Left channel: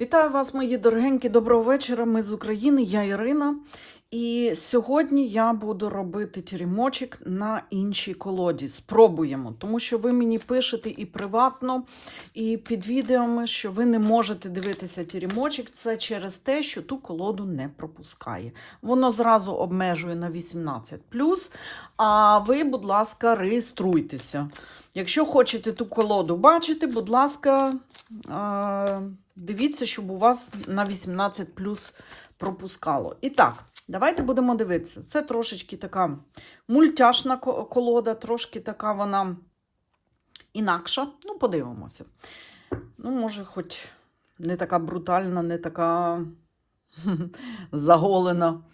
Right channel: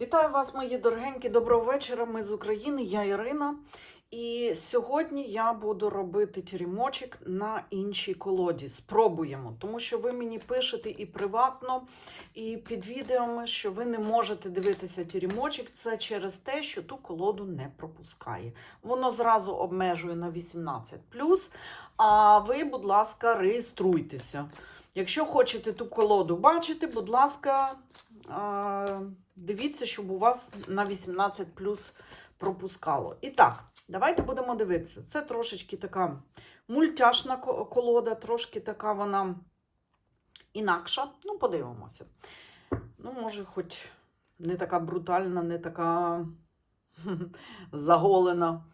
Вітаю вас, мої дорогенькі, доброго вечора. Ми з України, я Ірина. І сьогодні я буду робити тірімочок на іншій колоді. Спробуємо, тому що ви мені пишете і приватно, і під відеоми, що ви не можете дивитися тірімочок. Це через те, що ту колоду не пропускає. Воно зразу обмежує на 18. А ви, будь ласка, реєструйтеся. Якщо хочете ту колоду бачити, будь ласка, е, дивіться, щоб у вас на 18 плюс пропускало. І так, давайте будемо дивитися. Це трошечки така мультяшна колода, трошки така вона інакша. Ну, подивимося. Ну, може, хоч не така брутальна, не така заголена.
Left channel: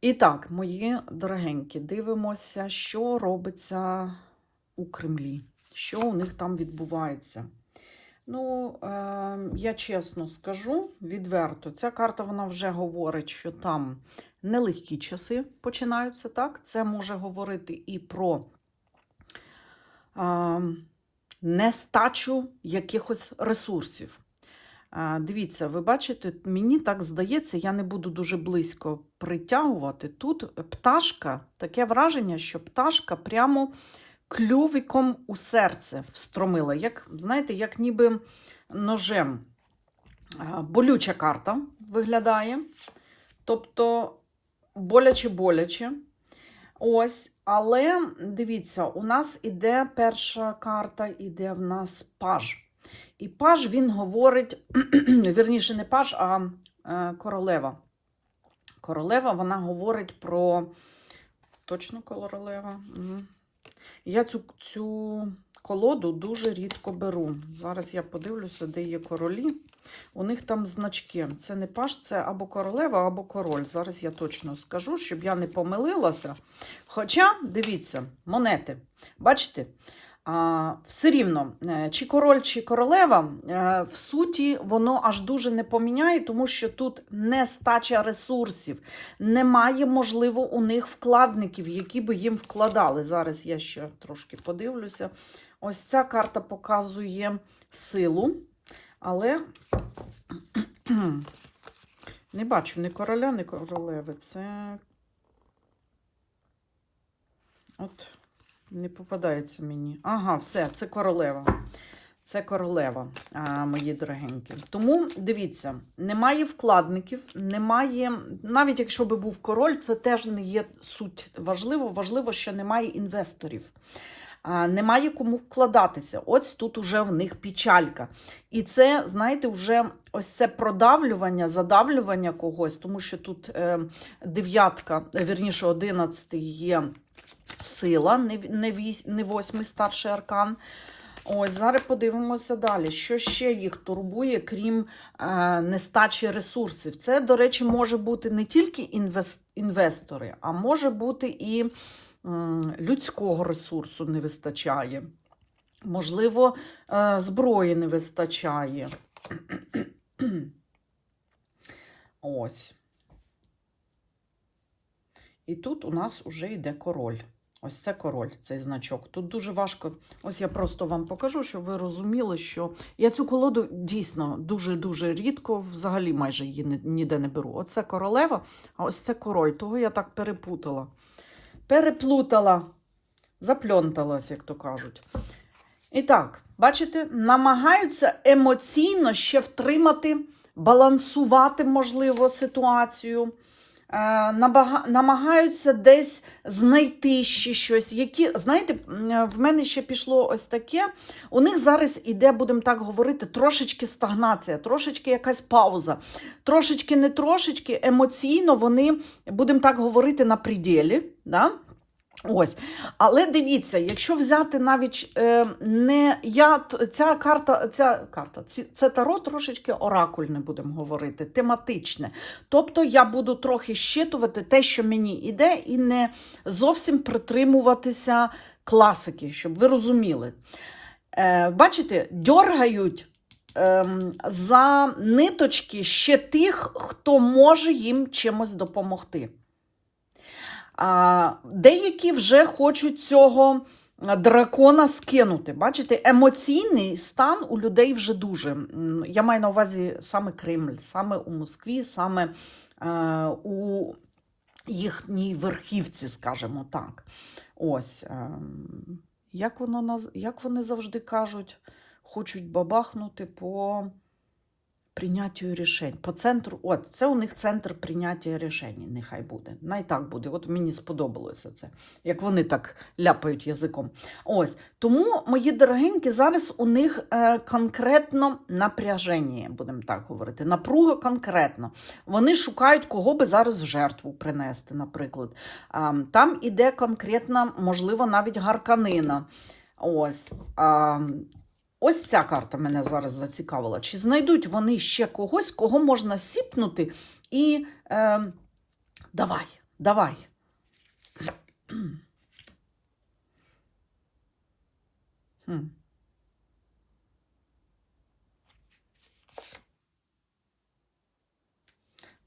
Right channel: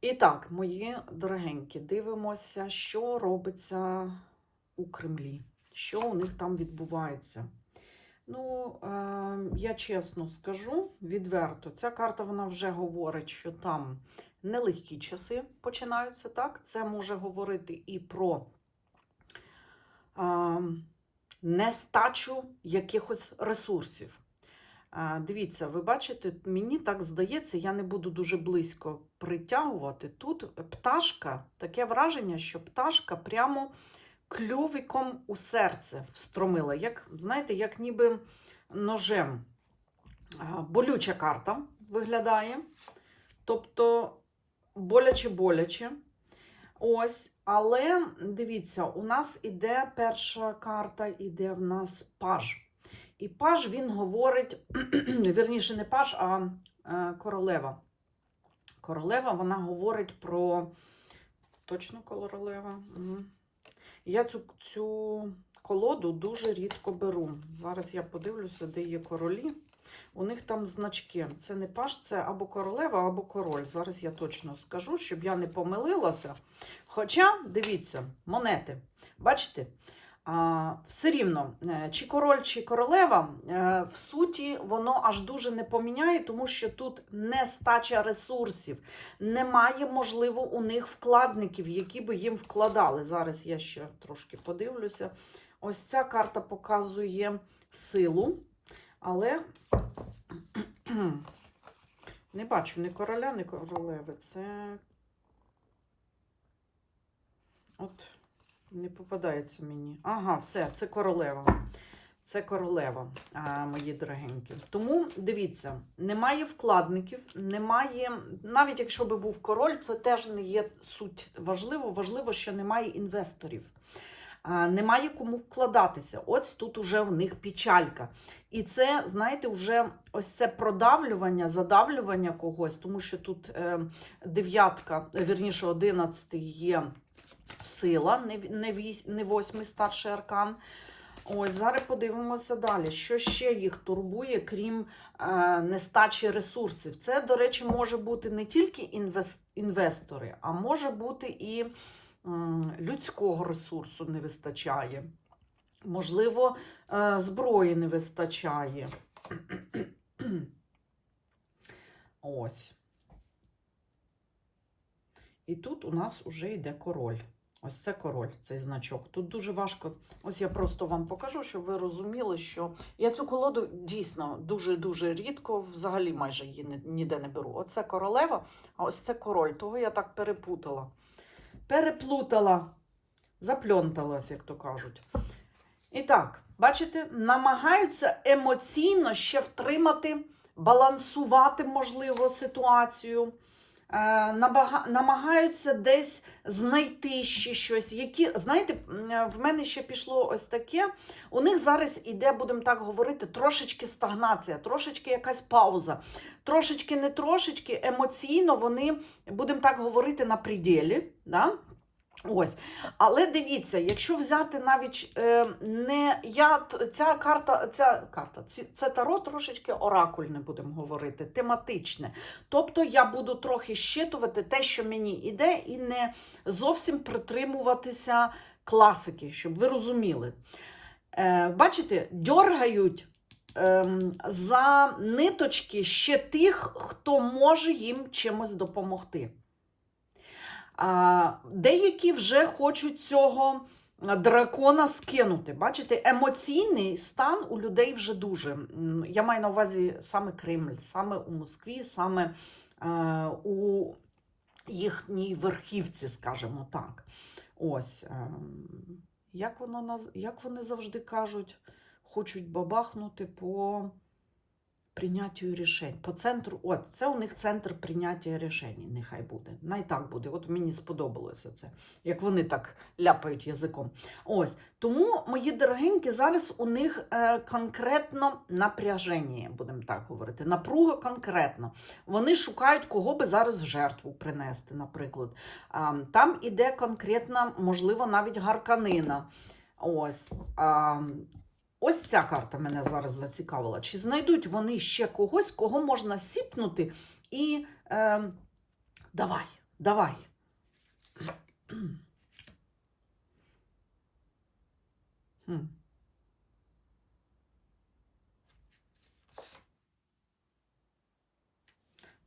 І так, мої дорогенькі, дивимося, що робиться у Кремлі, що у них там відбувається. Ну, е, я чесно скажу відверто, ця карта вона вже говорить, що там нелегкі часи починаються. так? Це може говорити і про е, нестачу якихось ресурсів. Е, Дивіться, ви бачите, мені так здається, я не буду дуже близько притягувати. Тут пташка, таке враження, що пташка прямо клювиком у серце встромила. Як, знаєте, як ніби ножем. Болюча карта виглядає. Тобто боляче-боляче. Ось, але дивіться, у нас іде перша карта, іде в нас паж. І паж він говорить, вірніше, не паж, а е, королева. Королева вона говорить про. Точно королева? Я цю, цю колоду дуже рідко беру. Зараз я подивлюся, де є королі. У них там значки. Це не паш, це або королева, або король. Зараз я точно скажу, щоб я не помилилася. Хоча, дивіться, монети. Бачите? Все рівно, е, чи король, чи королева, е, в суті, воно аж дуже не поміняє, тому що тут нестача ресурсів. Немає, можливо, у них вкладників, які би їм вкладали. Зараз я ще трошки подивлюся. Ось ця карта показує силу, але не бачу ні короля, ні королеви. Це. От. Не попадається мені. Ага, все, це королева. Це королева, мої дорогенькі. Тому дивіться, немає вкладників, немає, навіть якщо би був король, це теж не є суть важливо. Важливо, що немає інвесторів. Немає кому вкладатися. Ось тут уже в них печалька. І це, знаєте, вже ось це продавлювання, задавлювання когось, тому що тут е, дев'ятка, вірніше, одинадцятий є сила, не, восьмий ставший аркан. Ось, зараз подивимося далі. Що ще їх турбує, крім е, нестачі ресурсів? Це, до речі, може бути не тільки інвестори, а може бути і м, людського ресурсу не вистачає. Можливо, е, зброї не вистачає. Ось. І тут у нас вже йде король. Ось це король, цей значок. Тут дуже важко. Ось я просто вам покажу, щоб ви розуміли, що я цю колоду дійсно дуже-дуже рідко, взагалі майже її ніде не беру. Оце королева, а ось це король. Того я так перепутала. Переплутала, запльонталась, як то кажуть. І так, бачите, намагаються емоційно ще втримати, балансувати, можливо, ситуацію. Е, намагаються десь знайти ще щось. Які, знаєте, в мене ще пішло ось таке. У них зараз іде, будемо так говорити, трошечки стагнація, трошечки якась пауза, трошечки не трошечки емоційно вони, будемо так говорити, на пределі. Да? Ось. Але дивіться, якщо взяти навіть е, не я, ця карта, ця карта, ці, це таро трошечки оракульне, будемо говорити, тематичне. Тобто я буду трохи щитувати те, що мені іде, і не зовсім притримуватися класики, щоб ви розуміли. Е, бачите, дьоргають ем, за ниточки ще тих, хто може їм чимось допомогти. Деякі вже хочуть цього дракона скинути. Бачите, емоційний стан у людей вже дуже. Я маю на увазі саме Кремль, саме у Москві, саме е, у їхній верхівці, скажімо так. Ось. ем, Як, воно, як вони завжди кажуть, хочуть бабахнути по прийняттю рішень. По центру, от, це у них центр прийняття рішень, нехай буде. Най так буде. От мені сподобалося це, як вони так ляпають язиком. Ось. Тому, мої дорогенькі, зараз у них е, конкретно напряження, будемо так говорити. Напруга конкретно. Вони шукають, кого би зараз в жертву принести, наприклад. Там іде конкретно, можливо, навіть гарканина. Ось. Ось ця карта мене зараз зацікавила. Чи знайдуть вони ще когось, кого можна сіпнути і е, давай, давай.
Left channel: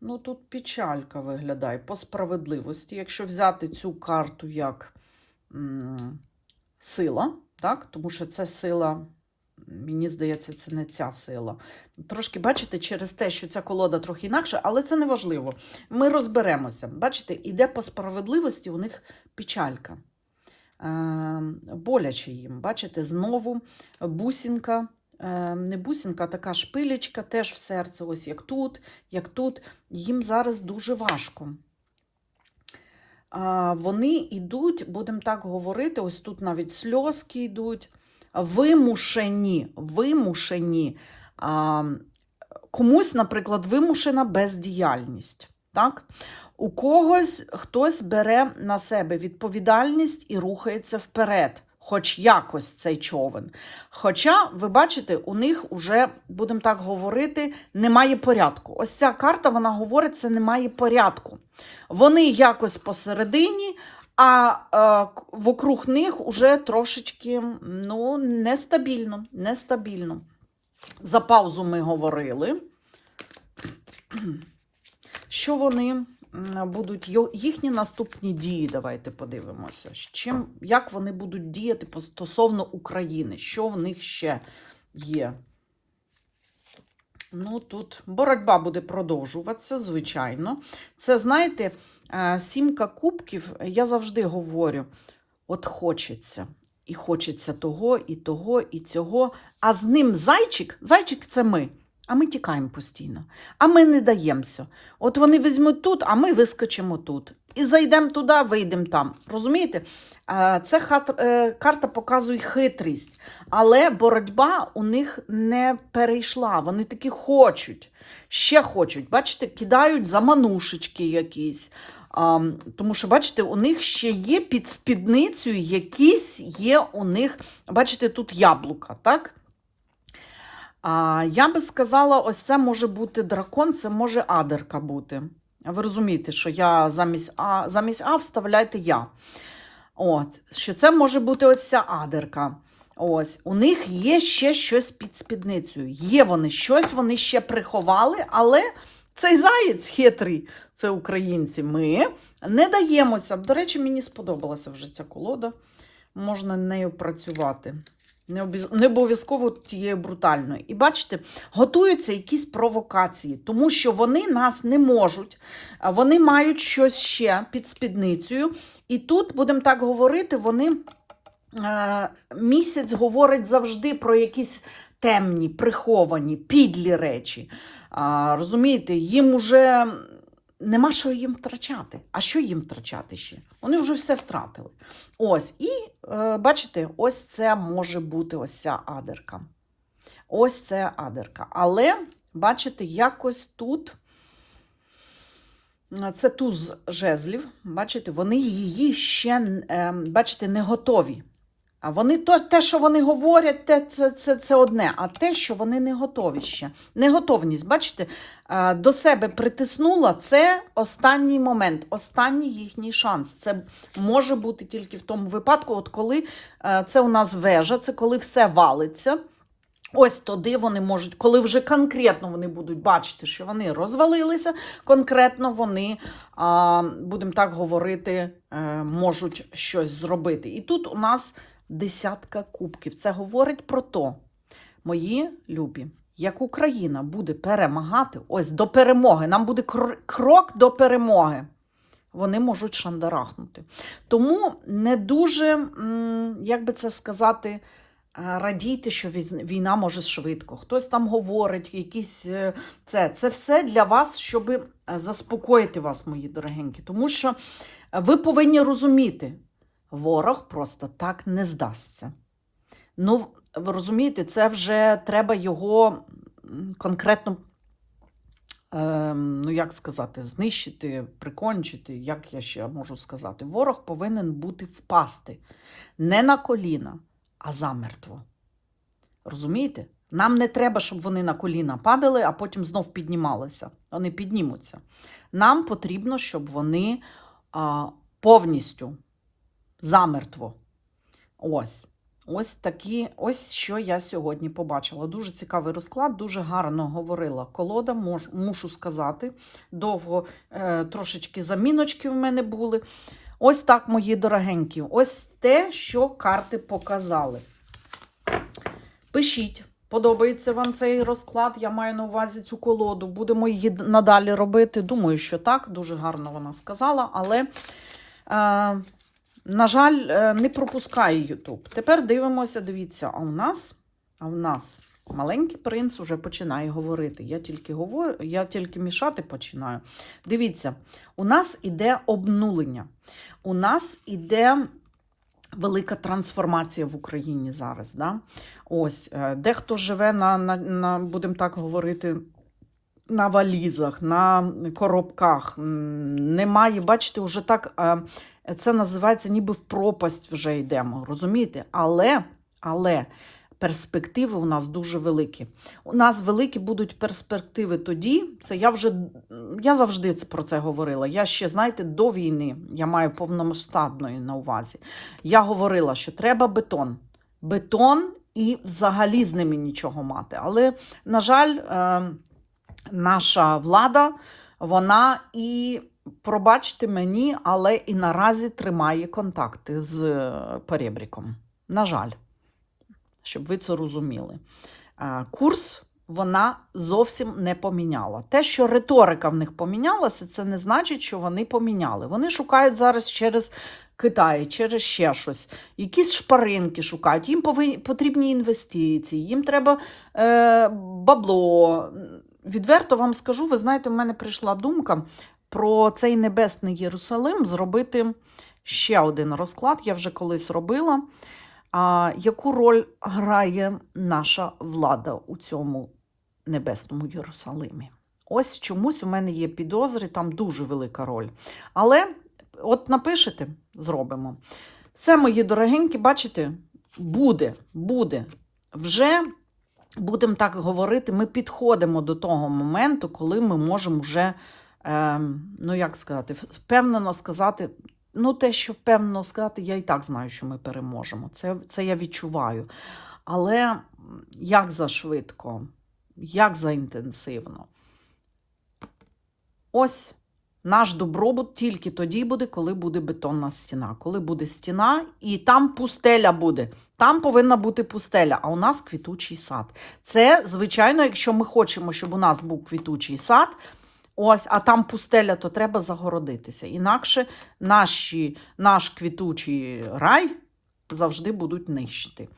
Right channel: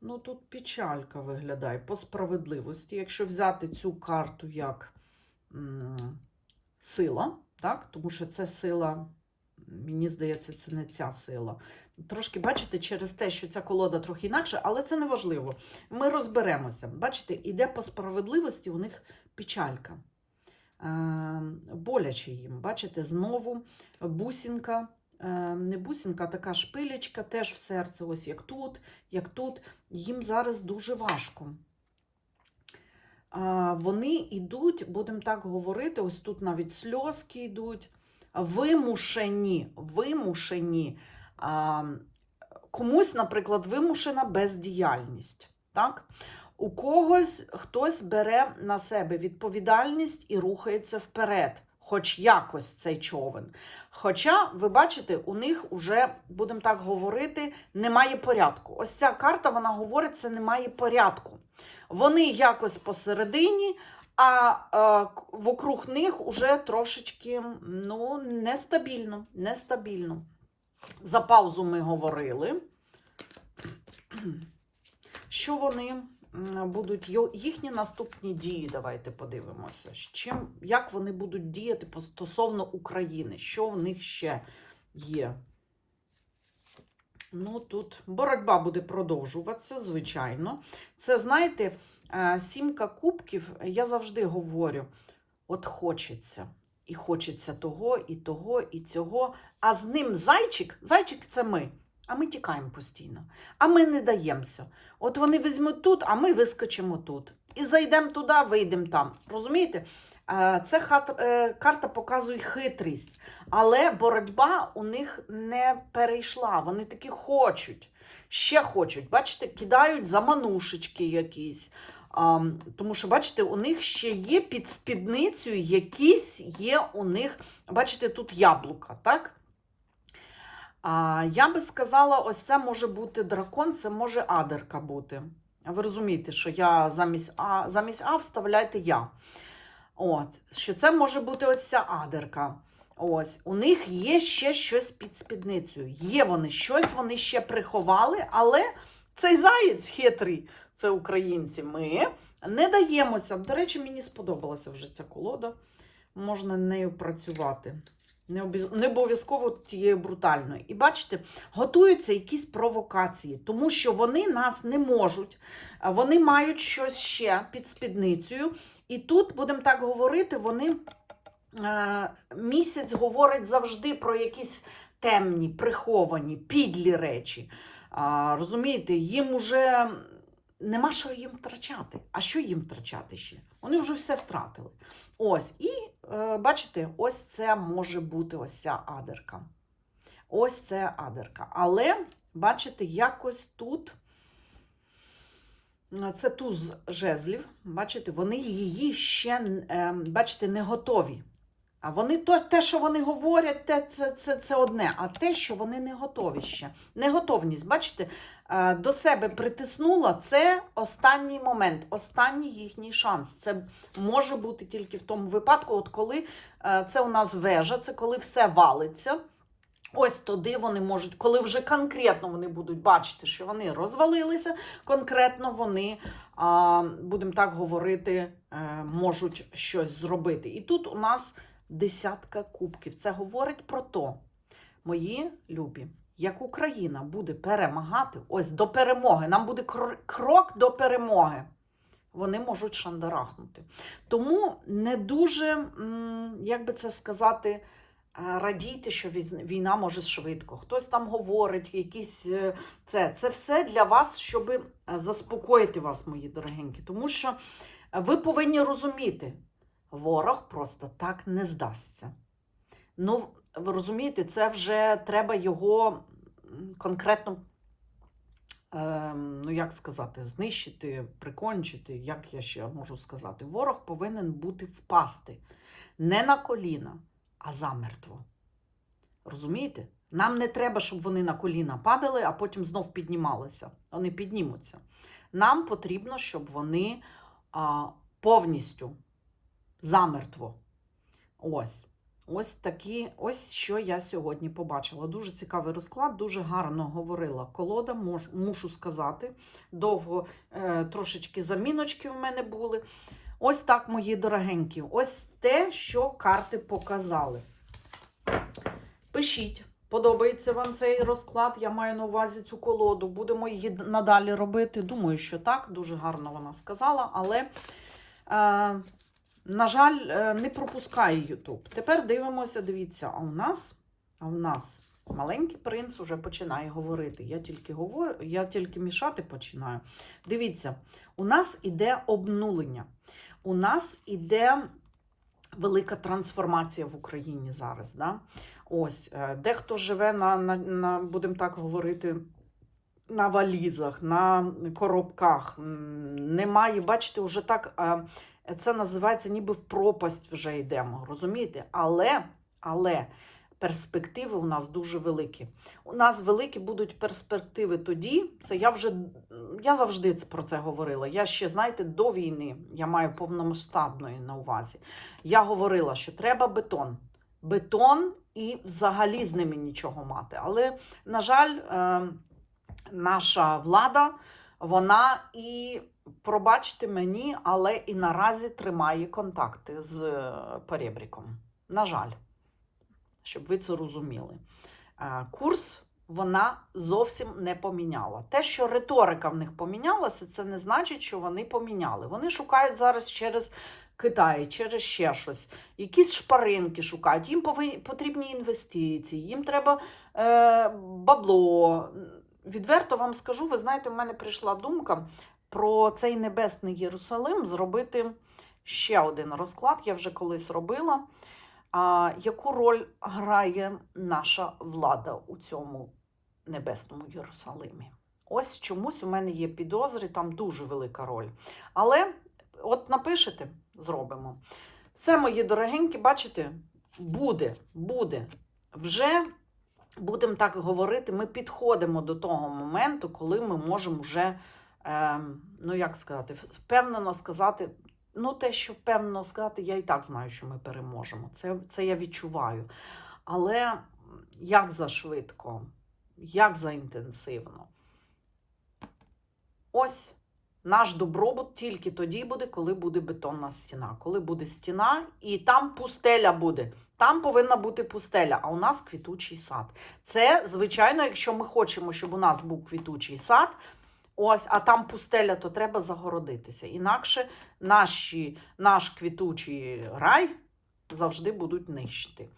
Ну, тут печалька виглядає по справедливості. Якщо взяти цю карту як м, сила, так? тому що це сила, мені здається, це не ця сила. Трошки, бачите, через те, що ця колода трохи інакша, але це не важливо. Ми розберемося. Бачите, іде по справедливості у них печалька. Е, боляче їм. Бачите, знову бусінка. е, Не бусінка, а така шпилечка теж в серце, ось як тут, як тут. Їм зараз дуже важко. Вони йдуть, будемо так говорити, ось тут навіть сльозки йдуть, вимушені, вимушені. А, Комусь, наприклад, вимушена бездіяльність. Так? У когось хтось бере на себе відповідальність і рухається вперед, хоч якось цей човен. Хоча, ви бачите, у них вже, будемо так говорити, немає порядку. Ось ця карта, вона говорить, це немає порядку. Вони якось посередині, а е, вокруг них уже трошечки ну, нестабільно, нестабільно. За паузу ми говорили, що вони будуть їхні наступні дії. Давайте подивимося. Чим, як вони будуть діяти стосовно України, що в них ще є. Ну, тут боротьба буде продовжуватися, звичайно. Це, знаєте, сімка кубків, я завжди говорю: от хочеться. І хочеться того, і того, і цього. А з ним зайчик, зайчик це ми. А ми тікаємо постійно. А ми не даємося. От вони візьмуть тут, а ми вискочимо тут. І зайдемо туди, вийдемо там. Розумієте? Е, Це е, карта показує хитрість, але боротьба у них не перейшла. Вони таки хочуть, ще хочуть. Бачите, кидають заманушечки якісь. А, тому що, бачите, у них ще є під спідницею якісь є у них, бачите, тут яблука, так? Я би сказала, ось це може бути дракон, це може адерка бути. Ви розумієте, що я замість А, замість А вставляйте я. От, що це може бути ось ця адерка. Ось, у них є ще щось під спідницею. Є вони, щось вони ще приховали, але цей заєць хитрий, це українці. Ми не даємося. До речі, мені сподобалася вже ця колода. Можна нею працювати. Не обов'язково тією брутальною. І бачите, готуються якісь провокації, тому що вони нас не можуть. Вони мають щось ще під спідницею. І тут, будемо так говорити, вони е, місяць говорить завжди про якісь темні, приховані, підлі речі. Розумієте, їм уже нема що їм втрачати. А що їм втрачати ще? Вони вже все втратили. Ось, і е, бачите, ось це може бути ось ця адерка. Ось це адерка. Але, бачите, якось тут. е, Це туз жезлів. Бачите, вони її ще е, бачите, не готові. А вони то, те, що вони говорять, те, це, це, це одне. А те, що вони не готові ще. Неготовність, бачите, до себе притиснула, це останній момент, останній їхній шанс. Це може бути тільки в тому випадку, от коли е, це у нас вежа, це коли все валиться. Ось туди вони можуть, коли вже конкретно вони будуть бачити, що вони розвалилися, конкретно вони, будемо так говорити, е, можуть щось зробити. І тут у нас десятка кубків. Це говорить про то, мої любі, як Україна буде перемагати, ось до перемоги, нам буде крок до перемоги. Вони можуть шандарахнути. Тому не дуже, як би це сказати, радійте, що війна може швидко. Хтось там говорить, якісь е, це. Це все для вас, щоб заспокоїти вас, мої дорогенькі. Тому що ви повинні розуміти, ворог просто так не здасться. Ну, ви розумієте, це вже треба його конкретно, ем, ну як сказати, знищити, прикончити, як я ще можу сказати. Ворог повинен бути впасти не на коліна, а замертво. Розумієте? Нам не треба, щоб вони на коліна падали, а потім знов піднімалися. Вони піднімуться. Нам потрібно, щоб вони а, повністю замертво. Ось. Ось такі, ось що я сьогодні побачила. Дуже цікавий розклад, дуже гарно говорила колода, мож, мушу сказати. Довго е, трошечки заміночки в мене були. Ось так, мої дорогенькі. Ось те, що карти показали. Пишіть, подобається вам цей розклад. Я маю на увазі цю колоду. Будемо її надалі робити. Думаю, що так. Дуже гарно вона сказала, але. Е, на жаль, е, не пропускає Ютуб. Тепер дивимося, дивіться, а у нас, а у нас маленький принц уже починає говорити. Я тільки говорю, я тільки мішати починаю. Дивіться, у нас іде обнулення. У нас іде велика трансформація в Україні зараз. Да? Ось, е, дехто живе на, на, на будемо так говорити. На валізах, на коробках. Немає, бачите, вже так е, це називається ніби в пропасть вже йдемо, розумієте? Але, але перспективи у нас дуже великі. У нас великі будуть перспективи тоді. Це я вже я завжди про це говорила. Я ще, знаєте, до війни я маю повномасштабної на увазі. Я говорила, що треба бетон. Бетон і взагалі з ними нічого мати. Але, на жаль, е, наша влада, вона і пробачте мені, але і наразі тримає контакти з е, перебріком. На жаль, щоб ви це розуміли. Е, Курс вона зовсім не поміняла. Те, що риторика в них помінялася, це не значить, що вони поміняли. Вони шукають зараз через Китай, через ще щось. Якісь шпаринки шукають, їм потрібні інвестиції, їм треба е, бабло. Відверто вам скажу, ви знаєте, у мене прийшла думка про цей небесний Єрусалим зробити ще один розклад. Я вже колись робила. А, яку роль грає наша влада у цьому небесному Єрусалимі? Ось чомусь у мене є підозри, там дуже велика роль. Але от напишете, зробимо. Все, мої дорогенькі, бачите, буде, буде. Вже будемо так говорити, ми підходимо до того моменту, коли ми можемо вже, ну як сказати, впевнено сказати. Ну, те, що впевнено сказати, я і так знаю, що ми переможемо. Це, це я відчуваю. Але як за швидко, як за інтенсивно. Ось наш добробут тільки тоді буде, коли буде бетонна стіна. Коли буде стіна, і там пустеля буде. Там повинна бути пустеля, а у нас квітучий сад. Це, звичайно, якщо ми хочемо, щоб у нас був квітучий сад, ось, а там пустеля, то треба загородитися. Інакше наші, наш квітучий рай завжди будуть нищити.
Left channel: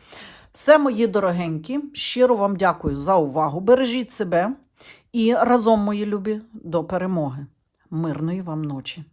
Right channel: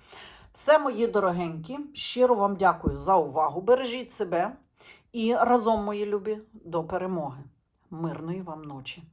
Все, мої дорогенькі, щиро вам дякую за увагу. Бережіть себе і разом, мої любі, до перемоги. Мирної вам ночі!